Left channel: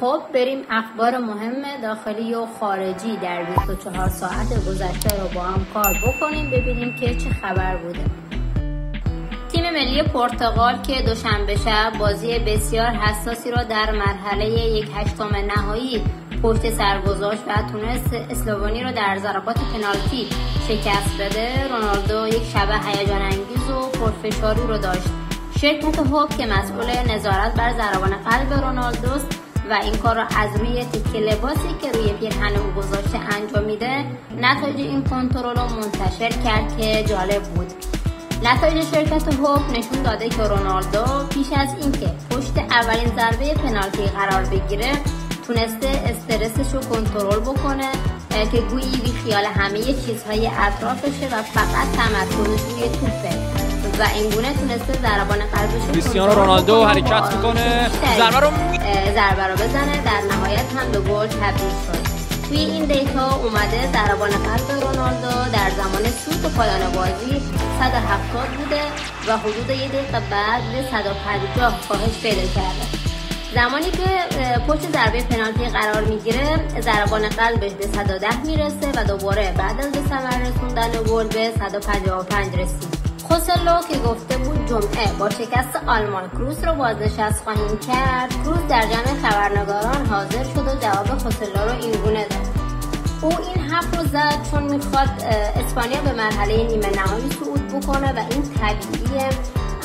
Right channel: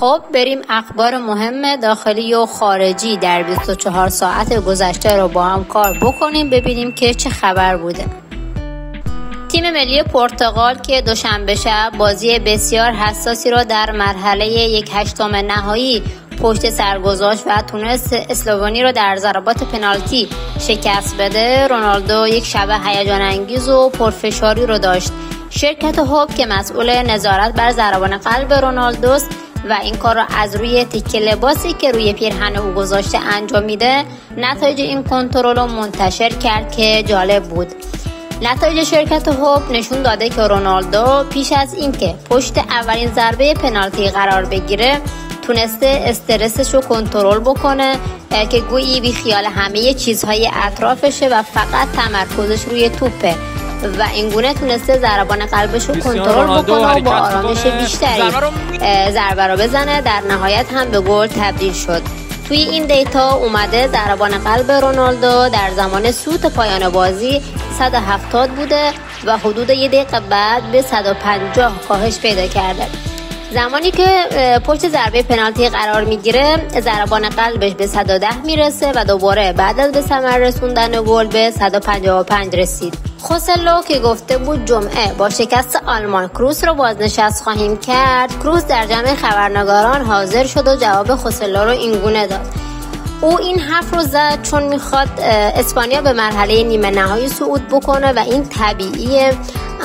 خب بریم اخبار مهم داخلی و خارجی در 24 ساعت گذشته رو با هم کار بکنیم، ببینیم که چه خبر بوده. تیم ملی پرتغال که دوشنبه شب بازی بسیار حساسی را در مرحله 1/8 نهایی پشت سر گذاشت و تونست اسلوونی را در ضربات پنالتی شکست بده، رونالدو یک شب هیجان انگیز و پرفشاری رو داشت. شرکت هوب که مسئول نظارت بر ضربان قلب رونالدوست و این کار را از روی تیکه لباسی که روی پیرهن او گذاشته انجام میده، نتایج این کنترل رو منتشر کرد که جالب بود. نتایج شرکت هوب نشون داده که رونالدو پیش از اینکه پشت اولین ضربه پنالتی قرار بگیره تونسته استرسش رو کنترل بکنه که گویی بی خیال همه چیزهای اطرافشه و فقط تمرکزش روی توپه و اینگونه تونسته ضربان قلبش رو کنترل رونالدو بکنه حرکت میکنه، ضربه رو بزنه، در نهایت هم به گل تبدیل شد. توی این دیتا اومده ضربان قلب رونالدو در زمان سوت پایان بازی 170 بوده و حدود 1 دقیقه بعد به 150 کاهش پیدا کرده. زمانی که پشت ضربه پنالتی قرار میگیره ضربان قلبش به 110 میرسه و دوباره بعد از به ثمر رسوندن گل به 155 رسید. خوسلو که گفته بود جمعه با شکست آلمان کروس رو بازنشست خواهیم کرد، کروس در جمع خبرنگاران حاضر شد و جواب خوسلو رو اینگونه داد. او این حرف رو زد چون میخواد اسپانیا به مرحله نیمه نهایی صعود بکنه و این طبیعیه،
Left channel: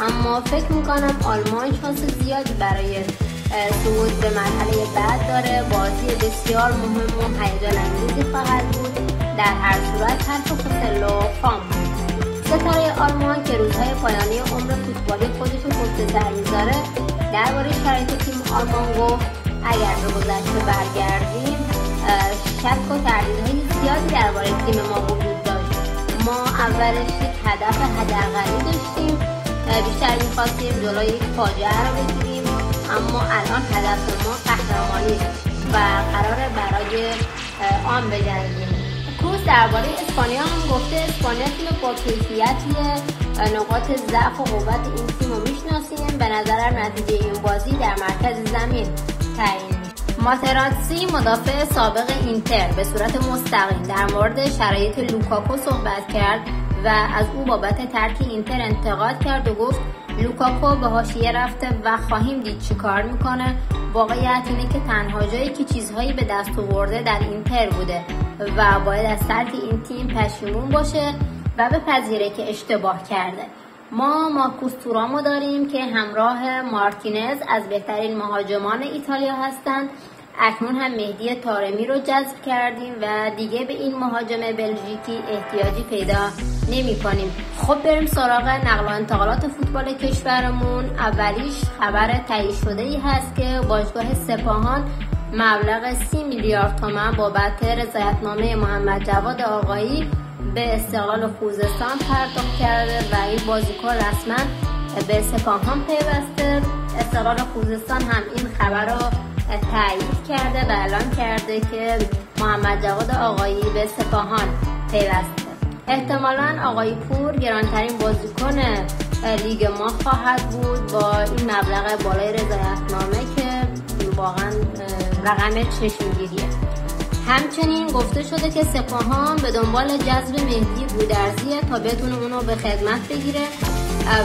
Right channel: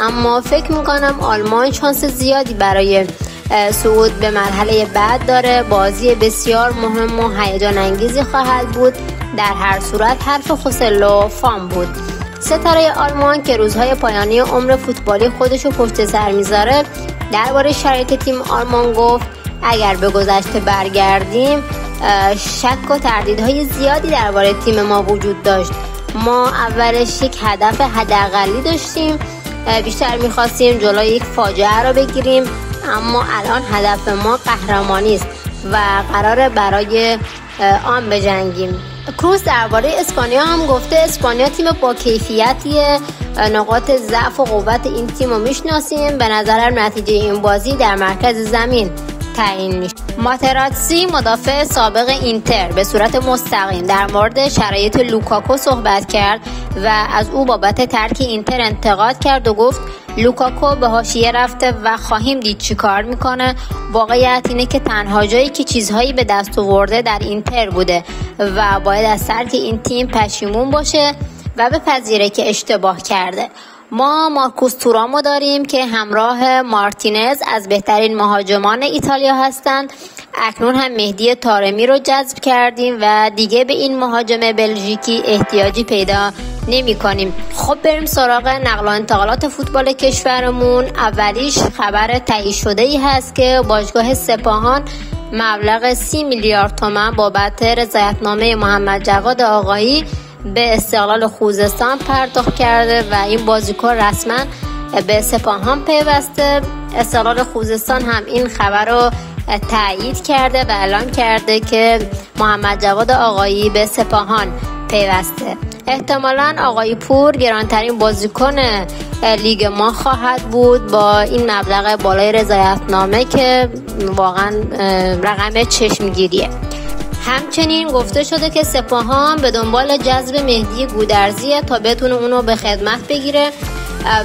اما فکر میکنم آلمان شانس زیادی برای صعود به مرحله بعد داره. بازی بسیار مهم و هیجان انگیزی خواهد بود. در هر صورت حرف خوسلو فام بود. ستاره آلمان که روزهای پایانی عمر فوتبالی خودشو پشت سر میذاره درباره شرایط تیم آلمان گفت اگر به گذشته برگردیم شک و تردیدهای زیادی درباره تیم ما وجود داشت. ما اولش یک هدف حداقلی داشتیم، بیشتر میخواستیم جلوی یک فاجعه را بگیریم، اما الان هدف ما قهرمانی است و قراره برای آن بجنگیم. کروس درباره اسپانیا هم گفته اسپانیا تیم با کیفیتیه، نقاط ضعف و قوت این تیم رو میشناسیم، به نظرم نتیجه این بازی در مرکز زمین تعیین میشه. ماتراتسی مدافع سابق اینتر به صورت مستقیم در مورد شرایط لوکاکو صحبت کرد و از او بابت ترک اینتر انتقاد کرد و گفت لوکاکو به حاشیه رفته و خواهیم دید چی کار میکنه. واقعیت اینه که تنها جایی که چیزهایی به دست آورده در اینتر بوده و باید از ترک این تیم پشیمون باشه و بپذیره که اشتباه کرده. ما مارکوس تورامو داریم که همراه مارتینز از بهترین مهاجمان ایتالیا هستند. اکنون هم مهدی طارمی رو جذب کردیم و دیگه به این مهاجم بلژیکی احتیاجی پیدا نمی کنیم. خب بریم سراغ نقل و انتقالات فوتبال کشورمون. اولیش خبر تایید شده ای هست که باشگاه سپاهان مبلغ 30 میلیارد تومان بابت رضایتنامه محمد جواد آقایی به استقلال خوزستان پرداخت کرده و این بازیکن رسما به سپاهان پیوسته. استقلال خوزستان هم این خبر رو تایید کرده و اعلام کرده که محمد جواد آقایی به سپاهان پیوسته. احتمالاً آقای پور گرانترین بازیکن لیگ ما خواهد بود با این مبلغ بالای رضایتنامه که واقعا رقم چشمگیریه. همچنین گفته شده که سپاهان به دنبال جذب مهدی گودرزیه تا بتونه اونو به خدمت بگیره،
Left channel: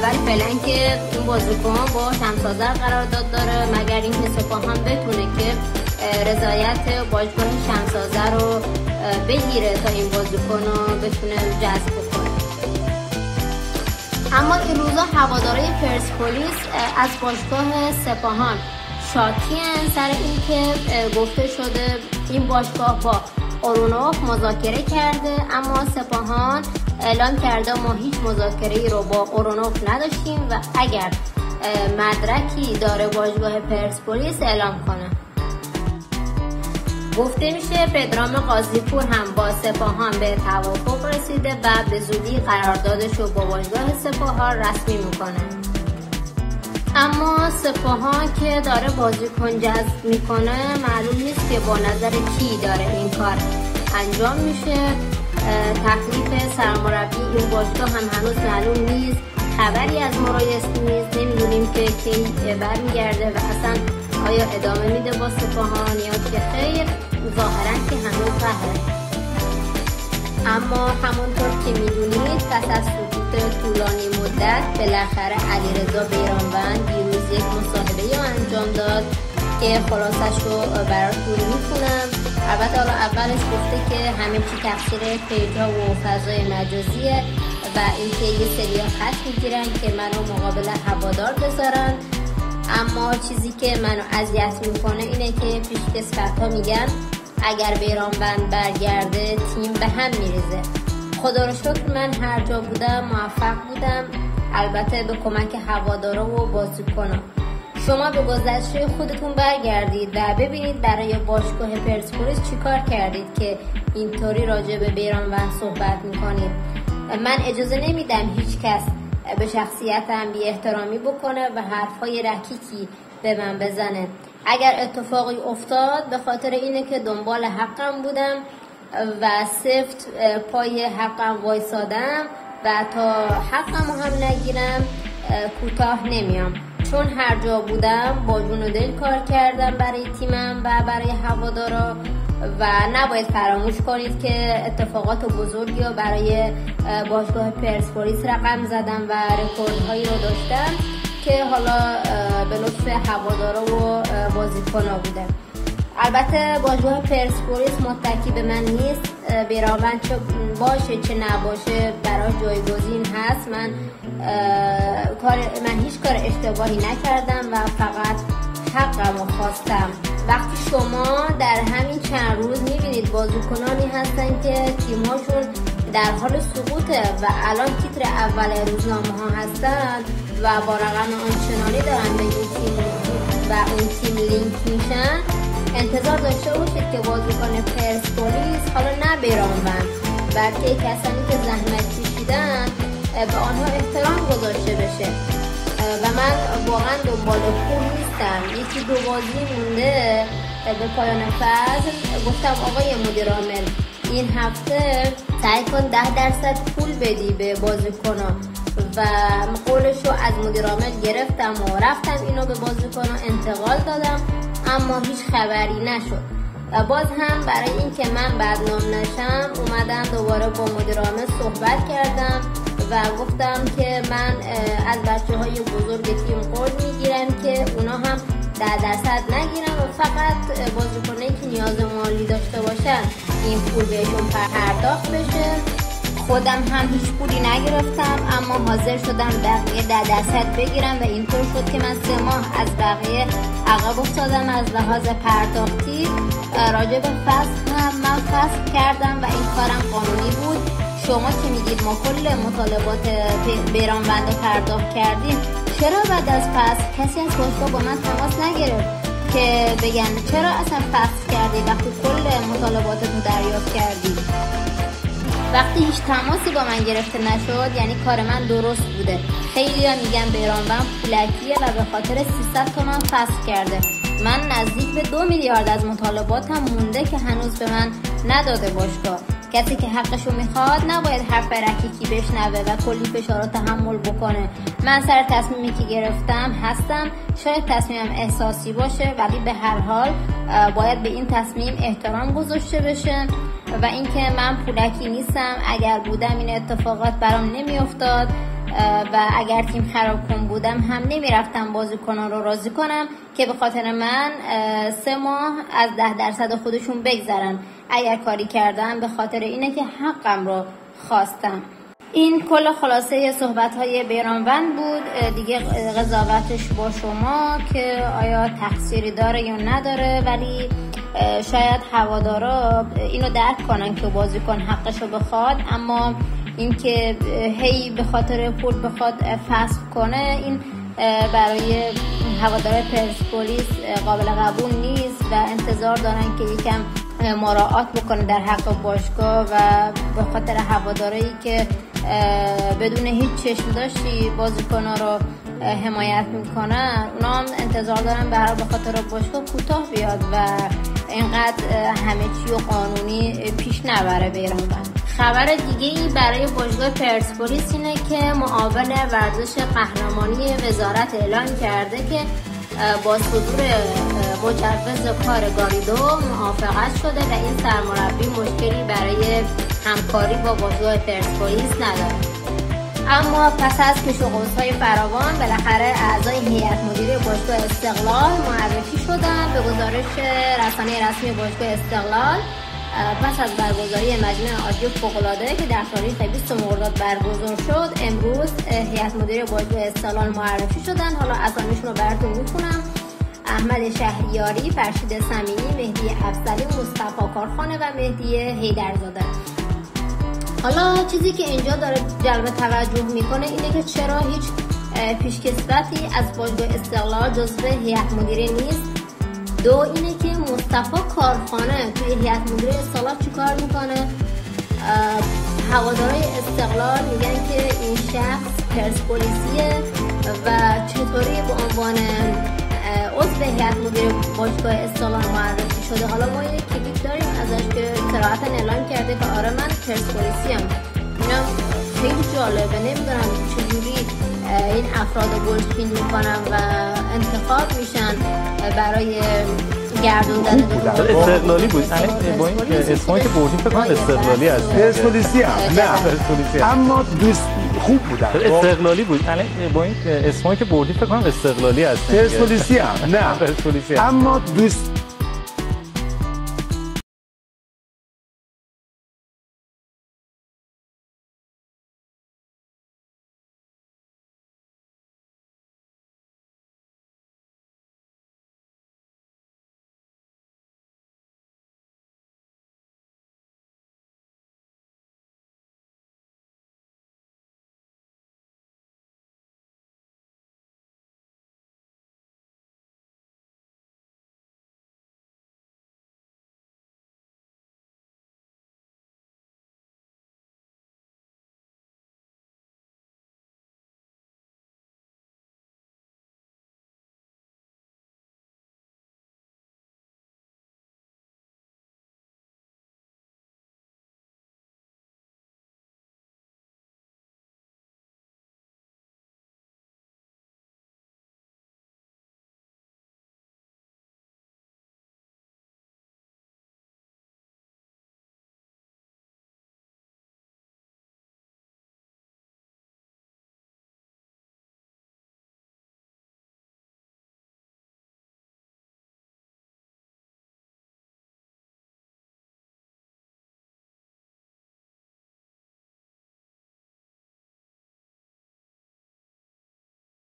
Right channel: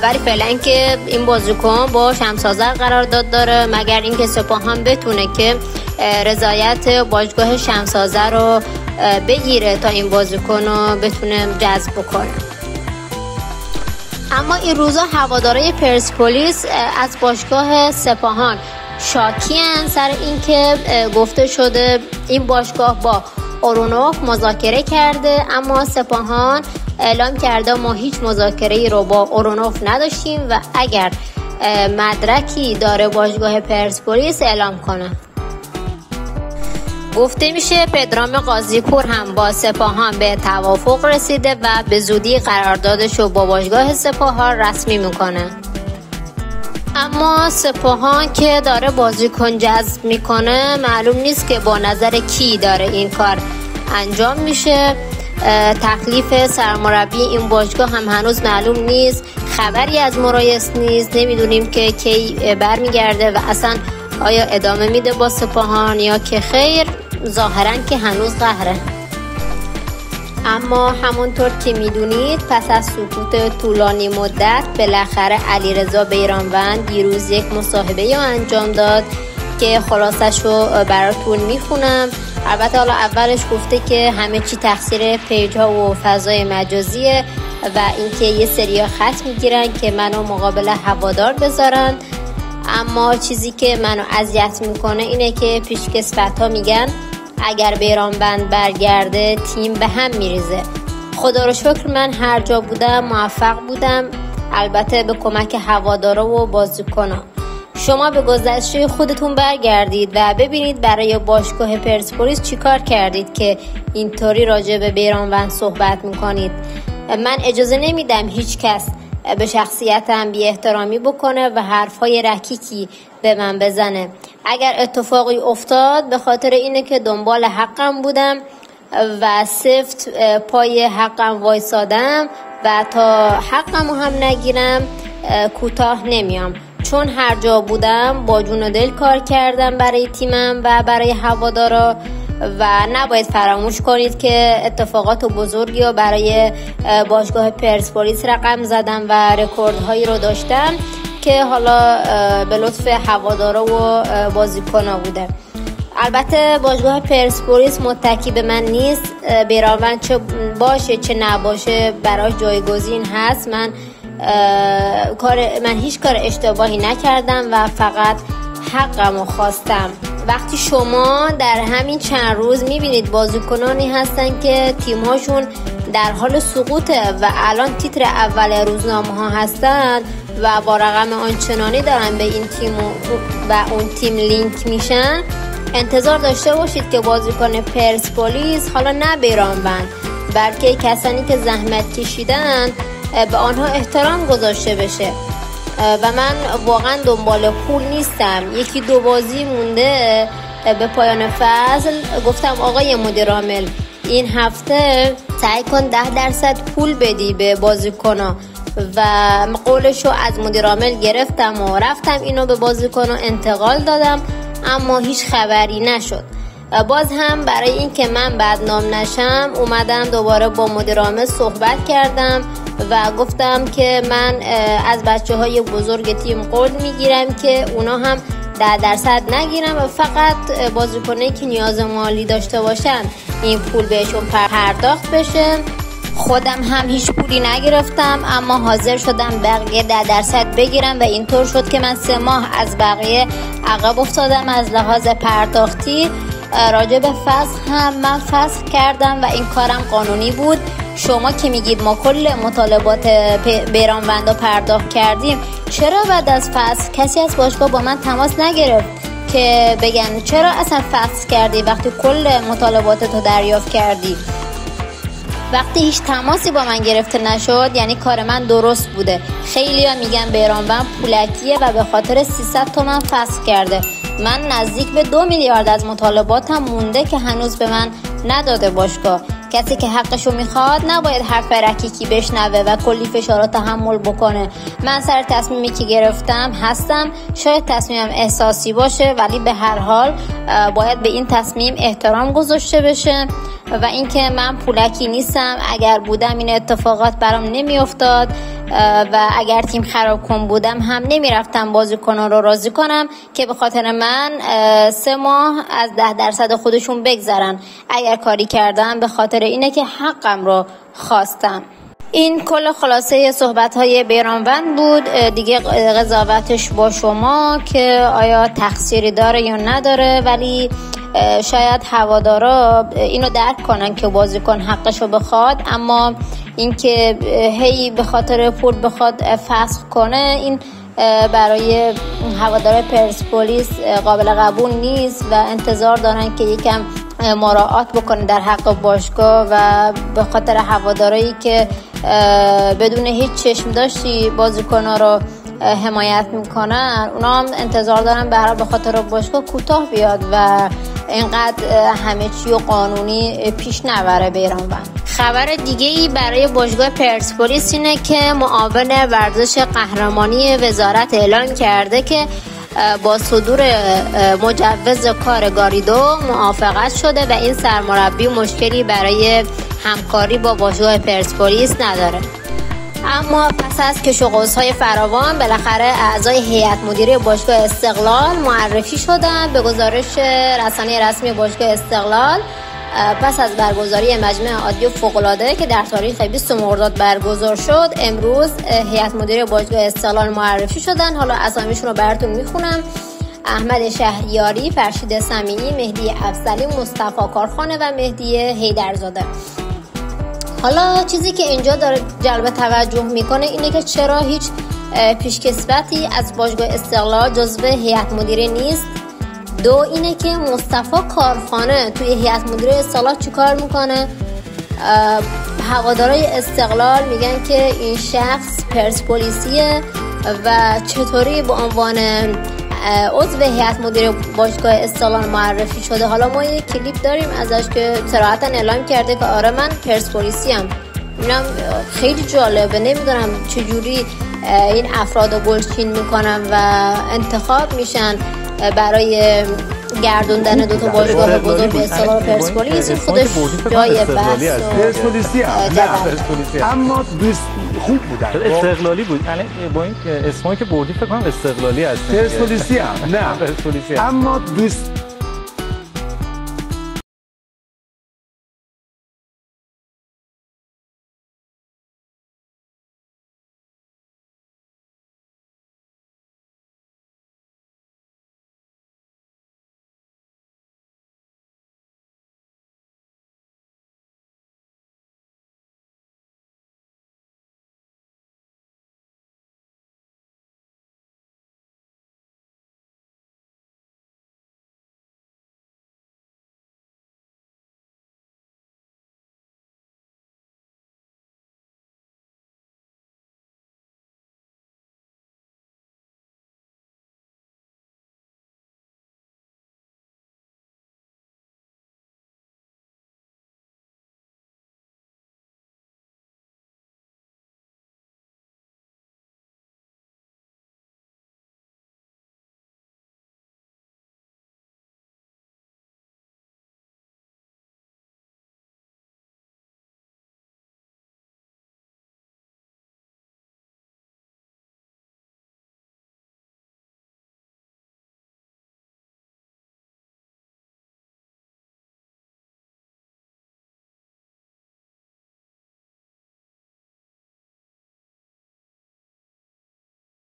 ولی فعلا که این بازیکن با شمس‌آذر قرارداد داره مگر اینکه سپاهان بتونه که رضایت باشگاه شمس‌آذر رو بگیره تا این بازیکن رو بتونه جذب کنه. اما این روزا هوادارهای پرسپولیس از باشگاه سپاهان شاکیان سر اینکه گفته شده این باشگاه با اورونوف مذاکره کرده، اما سپاهان اعلام کرده ما هیچ مذاکره‌ای رو با اورونوف نداشتیم و اگر مدرکی داره باشگاه پرسپولیس اعلام کنه. گفته میشه پدرام قاضی‌پور هم با سپاهان به توافق رسیده و به زودی قراردادش رو با باشگاه سپاهان رسمی میکنه. اما سپاهان که داره بازیکن جذب میکنه معلوم نیست که با نظر کی داره این کار انجام میشه. تکلیف سرمربی این باشگاه هم هنوز معلوم نیست، خبری از مرایس نیست، نمیدونیم که کی برمیگرده و اصلا آیا ادامه میده با سپاهان یا که خیر؟ ظاهرا که هنوز قهره. اما همونطور که میدونید پس از سکوت طولانی مدت بالاخره علیرضا بیرانوند دیروز یک مصاحبه انجام داد که خلاصش رو براتون میخونم. البته حالا اولش گفته که همه چی تقصیر پیج ها و فضای مجازیه و اینکه یه سریا خط میگیرن که منو مقابل هوادار بذارن، اما چیزی که منو اذیت میکنه اینه که پیشکسوت ها میگن اگر بیرانوند برگرده تیم به هم میریزه. خدا رو شکر من هر جا بودم موفق بودم، البته به کمک هوادارا و بازیکنان. شما به گذشته خودتون برگردید و ببینید برای باشگاه پرسپولیس چیکار کردید که اینطوری راجع به بیرانوند صحبت میکنید. من اجازه نمیدم هیچ کس به شخصیتم بی احترامی بکنه و حرفای رکیکی به من بزنه. اگر اتفاقی افتاد به خاطر اینه که دنبال حقم بودم و سفت پای حقم وایسادم و تا حقمو هم نگیرم کوتاه نمیام، چون هر جا بودم با جون و دل کار کردم برای تیمم و برای هوادارا و نباید فراموش کنید که اتفاقات بزرگی رو برای باشگاه پرسپولیس رقم زدم و رکوردهایی رو داشتم که حالا به لطف هوادارا و بازیکن‌ها بوده. البته باشگاه پرسپولیس متکی به من نیست، بیرانوند چه باشه چه نباشه براش جایگزین هست. من هیچ کار اشتباهی نکردم و فقط حقمو خواستم. وقتی شما در همین چند روز میبینید بازیکنانی هستن که تیم‌هاشون در حال سقوطه و الان تیتر اول روزنامه ها هستن و با رقم آنچنانی دارن به این تیم و اون تیم لینک میشن، انتظار داشته باشید که بازیکن پرسپولیس، حالا نه بیرانوند بلکه کسانی که زحمت کشیدن، به آنها احترام گذاشته بشه. و من واقعا دنبال پول نیستم. یکی دو بازی مونده به پایان فصل گفتم آقای مدیر عامل این هفته سعی کن 10% پول بدی به بازیکن‌ها و قولشو از مدیر عامل گرفتم و رفتم اینو به بازیکن‌ها انتقال دادم، اما هیچ خبری نشد. باز هم برای این که من بدنام نشم اومدم دوباره با مدیر عامل صحبت کردم و گفتم که من از بچه‌های بزرگ تیم قول میگیرم که اونا هم 10% نگیرم و فقط بازیکنایی که نیاز مالی داشته باشن این پول بهشون پرداخت بشه. خودم هم هیچ پولی نگرفتم، اما حاضر شدم بقیه 10% بگیرم و اینطور شد که من 3 ماه از بقیه عقب افتادم از لحاظ پرداختی. راجع به فسخ هم من فسخ کردم و این کارم قانونی بود. شما که میگید ما کل مطالبات بیرانوند رو پرداخت کردیم، چرا بعد از فسخ کسی از باشگاه با من تماس نگرفت که بگن چرا اصلا فسخ کردی وقتی کل مطالباتتو دریافت کردی؟ وقتی هیچ تماسی با من گرفته نشد یعنی کار من درست بوده. خیلی ها میگن بیرانوند پولکیه و به خاطر 300 تومن فسخ کرده. من نزدیک به 2 میلیارد از مطالباتم مونده که هنوز به من نداده باشگاه. کسی که حقشو میخواد نباید حرف رکیکی بشنوه و کلی فشار تحمل بکنه. من سر تصمیمی که گرفتم هستم، شاید تصمیمم احساسی باشه ولی به هر حال باید به این تصمیم احترام گذاشته بشه و اینکه من پولکی نیستم. اگر بودم این اتفاقات برام نمیافتاد و اگر تیم خراب کن بودم هم نمیرفتم بازیکنان رو راضی کنم که به خاطر من 3 ماه از 10% خودشون بگذرن. اگر کاری کردم به خاطر اینه که حقم رو خواستم. این کل خلاصه صحبت‌های بیرانوند بود. دیگه قضاوتش با شما که آیا تقصیری داره یا نداره، ولی شاید هوادارا اینو درک کنن که بازیکن حقشو بخواد، اما اینکه هی به خاطر پول بخواد فسخ کنه این برای هوادار پرسپولیس قابل قبول نیست و انتظار دارن که یکم مراعات بکنه در حق باشگاه و به خاطر هوادارایی که بدون هیچ چشم داشتی بازیکن‌ها رو حمایت میکنن، اونا هم انتظار دارن به خاطر باشگاه کوتاه بیاد و اینقدر همه چی و قانونی پیش نبره بیرانوند. خبر دیگه ای برای باشگاه پرسپولیس اینه که معاون ورزش قهرمانی وزارت اعلان کرده که با صدور مجوز کار گاریدو موافقت شده و این سرمربی مشکلی برای همکاری با باشگاه پرسپولیس نداره. اما پس از کش و قوس‌های فراوان بالاخره اعضای هیئت مدیره باشگاه استقلال معرفی شدند. به گزارش رسانه رسمی باشگاه استقلال پس از برگزاری مجمع عادی فوق‌العاده که در تاریخ 20 مرداد برگزار شد، امروز هیئت مدیره باشگاه استقلال معرفی شدن. حالا اسامیشون رو براتون میخونم: احمد شهریاری، فرشید سمیعی، مهدی افضلی، مصطفی کارخانه و مهدی حیدرزاده. حالا چیزی که اینجا داره جلب توجه میکنه اینه که چرا هیچ پیشکسوتی از باشگاه استقلال جزو هیئت مدیره نیست. دو اینه که مصطفی کارخانه توی هیئت مدیره استقلال چیکار میکنه؟ هوادارهای استقلال میگن که این شخص پرسپولیسیه و چطوری به عنوان عضو هیئت مدیره باشگاه استقلال معرفی شده. حالا ما یک کلیپ داریم ازش که صراحتا اعلام کرده که آره من پرسپولیسی ام. اینم خیلی جالبه، نمیدونم چجوری این افراد رو بلچین میکنن و انتخاب میشن برای گردوندن دو تا استقلالی بود. اسمایی که بردیم فکر کنم استقلالی هست. پرسپولیسی نه، اما دوست خوب بودن. استقلالی بود. با این اسمایی که بردیم فکر کنم استقلالی هست. پرسپولیسی نه، اما دوست